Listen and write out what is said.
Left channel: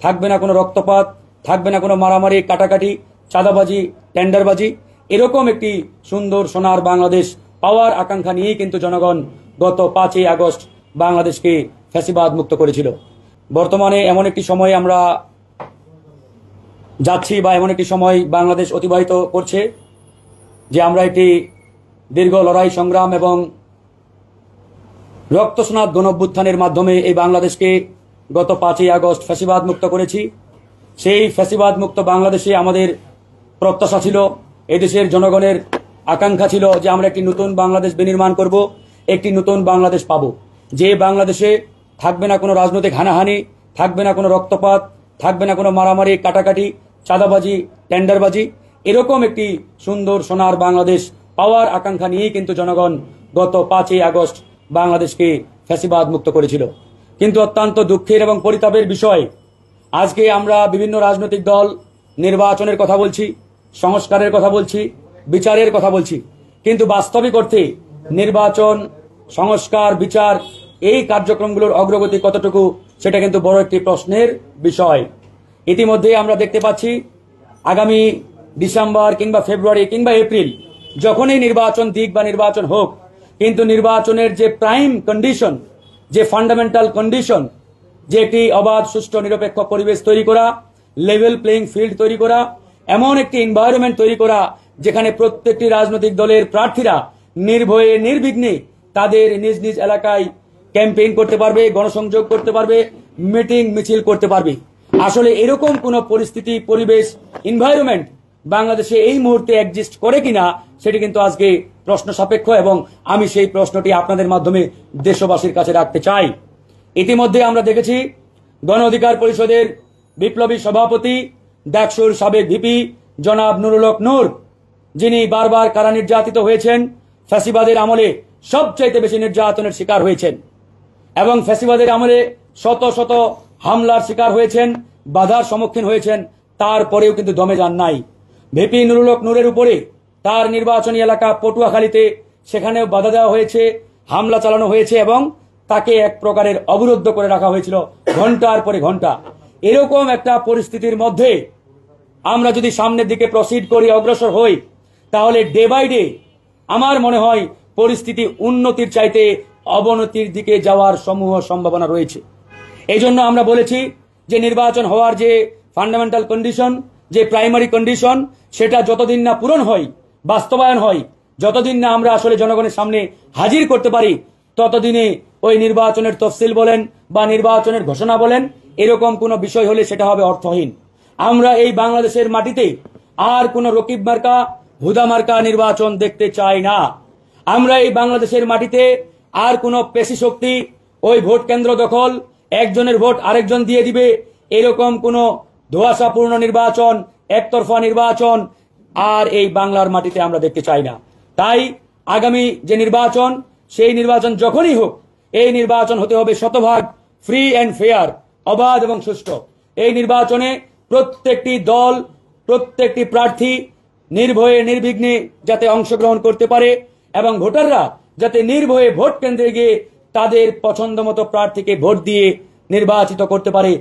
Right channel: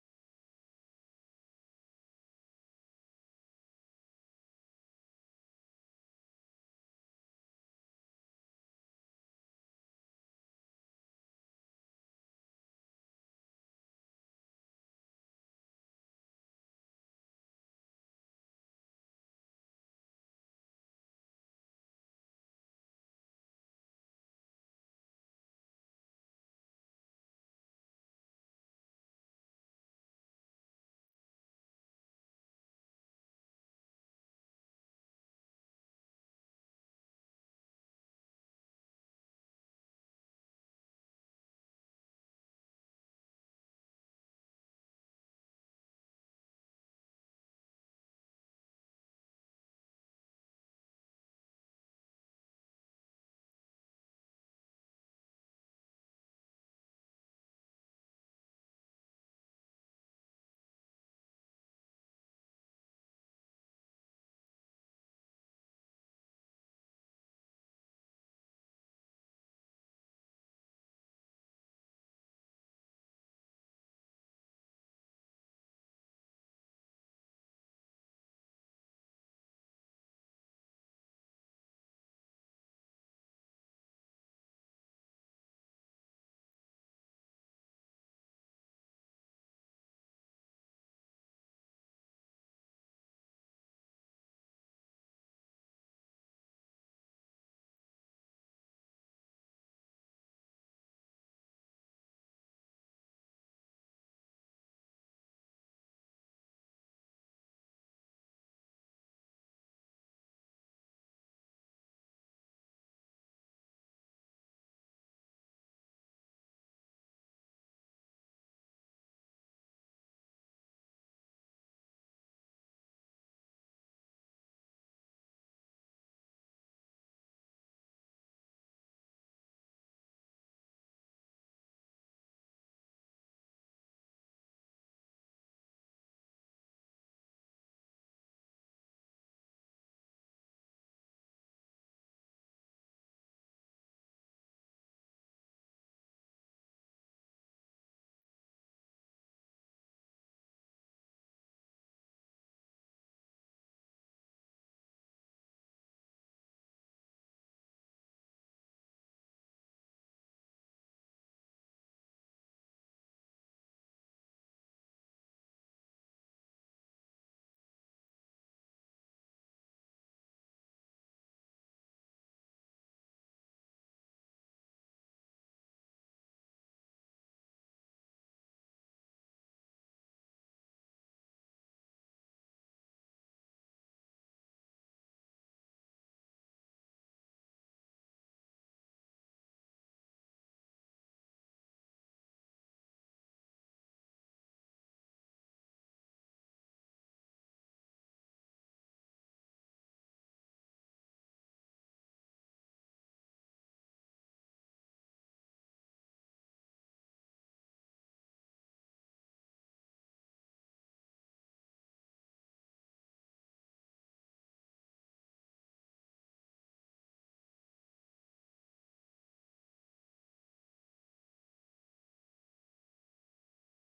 থাকবে না কোনো রক্তপাত, থাকবে না কোনো মারামারি, কাটাকাটি, চাঁদাবাজি, টেন্ডারবাজি। এরকম একটি সুন্দর সোনার বাংলাদেশ পাওয়ার আকাঙ্ক্ষা নিয়েই কিন্তু জনগণ গত 5ই আগস্ট বাংলাদেশকে ফ্যাসিবাদ মুক্ত করেছিল। বর্তমানে এমন একটি সময় আমরা যাচ্ছি বা এমন একটি সময় বাংলাদেশ অতিবাহিত করছে যে আমরা একটি দীর্ঘ লড়াই সংগ্রাম এবং রক্তস্নাত গণঅভ্যুত্থানের মাধ্যমে এই বাংলাদেশকে গত 5ই আগস্ট ফ্যাসিবাদ মুক্ত করেছি। সেই ফ্যাসিবাদ মুক্ত বাংলাদেশে আমাদের প্রত্যাশা ছিল, এদেশের জনগণের আকাঙ্ক্ষা ছিল যে আমরা একটি নতুন বাংলাদেশ বিনির্মাণ করব, একটি নতুন বাংলাদেশ পাব, যে বাংলাদেশে থাকবে না কোনো রাজনৈতিক হানাহানি, থাকবে না কোনো রক্তপাত, থাকবে না কোনো মারামারি, কাটাকাটি, চাঁদাবাজি, টেন্ডারবাজি। এরকম একটি সুন্দর সোনার বাংলাদেশ পাওয়ার আকাঙ্ক্ষা নিয়েই কিন্তু জনগণ গত 5ই আগস্ট বাংলাদেশকে ফ্যাসিবাদ মুক্ত করেছিল। কিন্তু অত্যন্ত দুঃখের এবং পরিতাপের বিষয়, আজকে আমরা বিভিন্ন রাজনৈতিক দল নির্বাচনের কথা বলছি, সংস্কারের কথা বলছি, বিচারের কথা বলছি, কিন্তু বাস্তবিক অর্থে নির্বাচন, সংস্কার, বিচার এই কার্যক্রমগুলোর অগ্রগতি কতটুকু সেটা কিন্তু বড় একটি প্রশ্নের বিষয়। ইতিমধ্যে আমরা দেখতে পাচ্ছি আগামী ডিসেম্বর কিংবা ফেব্রুয়ারি কিংবা এপ্রিল যখনই নির্বাচন দিক বা নির্বাচন হোক, কিন্তু নির্বাচনের যে প্রাইম কন্ডিশন, যে ফান্ডামেন্টাল কন্ডিশন, যে একটি অবাধ, সুষ্ঠু, নিরপেক্ষ পরিবেশ তৈরি করা, লেভেল প্লেইং ফিল্ড তৈরি করা, এমন একটি এনভায়রনমেন্ট তৈরি করা যেখানে প্রত্যেকটি রাজনৈতিক দলের প্রার্থীরা নির্ভয়ে নির্বিঘ্নে তাদের নিজ নিজ এলাকায় ক্যাম্পেইন করতে পারবে, গণসংযোগ করতে পারবে, মিটিং মিছিল করতে পারবে। আসলে এরকম কোন পরিস্থিতি, পরিবেশ, এনভায়রনমেন্ট বাংলাদেশে এই মুহূর্তে এক্সিস্ট করে কিনা সেটি কিন্তু আজকে প্রশ্ন সাপেক্ষ, এবং আমি সেই প্রশ্নটি আপনাদের মাধ্যমে দেশবাসীর কাছে রাখতে চাই। ইতিমধ্যে আমরা দেখেছি গণ অধিকার পরিষদের বিপ্লবী সভাপতি, ডাকসুর সাবেক ভিপি জনাব নুরুল হক নূর, যিনি বারবার কারা নির্যাতিত হয়েছেন, ফ্যাসিবাদের আমলে সবচাইতে বেশি নির্যাতনের শিকার হয়েছেন এবং ফ্যাসিবাদের আমলে শত শত হামলার শিকার হয়েছেন, বাধার সম্মুখীন হয়েছেন, তারপরেও কিন্তু দমে যান নাই। ভিপি নুরুল হক নূরের উপরে তার নির্বাচনী এলাকা পটুয়াখালীতে সেখানেও বাধা দেওয়া হয়েছে, হামলা চালানো হয়েছে এবং তাকে এক প্রকারের অবরুদ্ধ করে রাখা হয়েছিল ঘন্টার পরে ঘন্টা। এরকম একটা পরিস্থিতির মধ্যে আমরা যদি সামনের দিকে প্রসিড করি, অগ্রসর হই, তাহলে ডে বাই ডে আমার মনে হয় পরিস্থিতি উন্নতির চাইতে অবনতির দিকে যাওয়ার সমূহ সম্ভাবনা রয়েছে। এই জন্য আমরা বলেছি যে নির্বাচন হওয়ার যে ফান্ডামেন্টাল কন্ডিশন, যে প্রাইমারি কন্ডিশন, সেটা যতদিন না পূরণ হয়, বাস্তবায়ন হয়, যতদিন না আমরা আসলে জনগণের সামনে হাজির করতে পারি, ততদিনে ওই নির্বাচনের তফসিল বলেন বা নির্বাচনের ঘোষণা বলেন, এরকম কোনো বিষয় হলে সেটা হবে অর্থহীন। আমরা এই বাংলাদেশের মাটিতে আর কোনো রকিব মার্কা, হুদা মার্কা নির্বাচন দেখতে চাই না। আমরা এই বাংলাদেশের মাটিতে আর কোনো পেশি শক্তি, ওই ভোট কেন্দ্র দখল, একজনের ভোট আরেকজন দিয়ে দিবে, এরকম কোনো ধোঁয়াশাপূর্ণ নির্বাচন, একতরফা নির্বাচন আর এই বাংলার মাটিতে আমরা দেখতে চাই না। তাই আগামী যে নির্বাচন, সেই নির্বাচন যখনই হোক, এই নির্বাচন হতে হবে শতভাগ ফ্রি অ্যান্ড ফেয়ার, অবাধ এবং সুষ্ঠু। এই নির্বাচনে প্রত্যেকটি দল, প্রত্যেকটি প্রার্থী নির্ভয়ে নির্বিঘ্নে যাতে অংশগ্রহণ করতে পারে এবং ভোটাররা যাতে নির্ভয়ে ভোট কেন্দ্রে গিয়ে তাদের পছন্দ মতো প্রার্থীকে ভোট দিয়ে নির্বাচিত করতে পারে।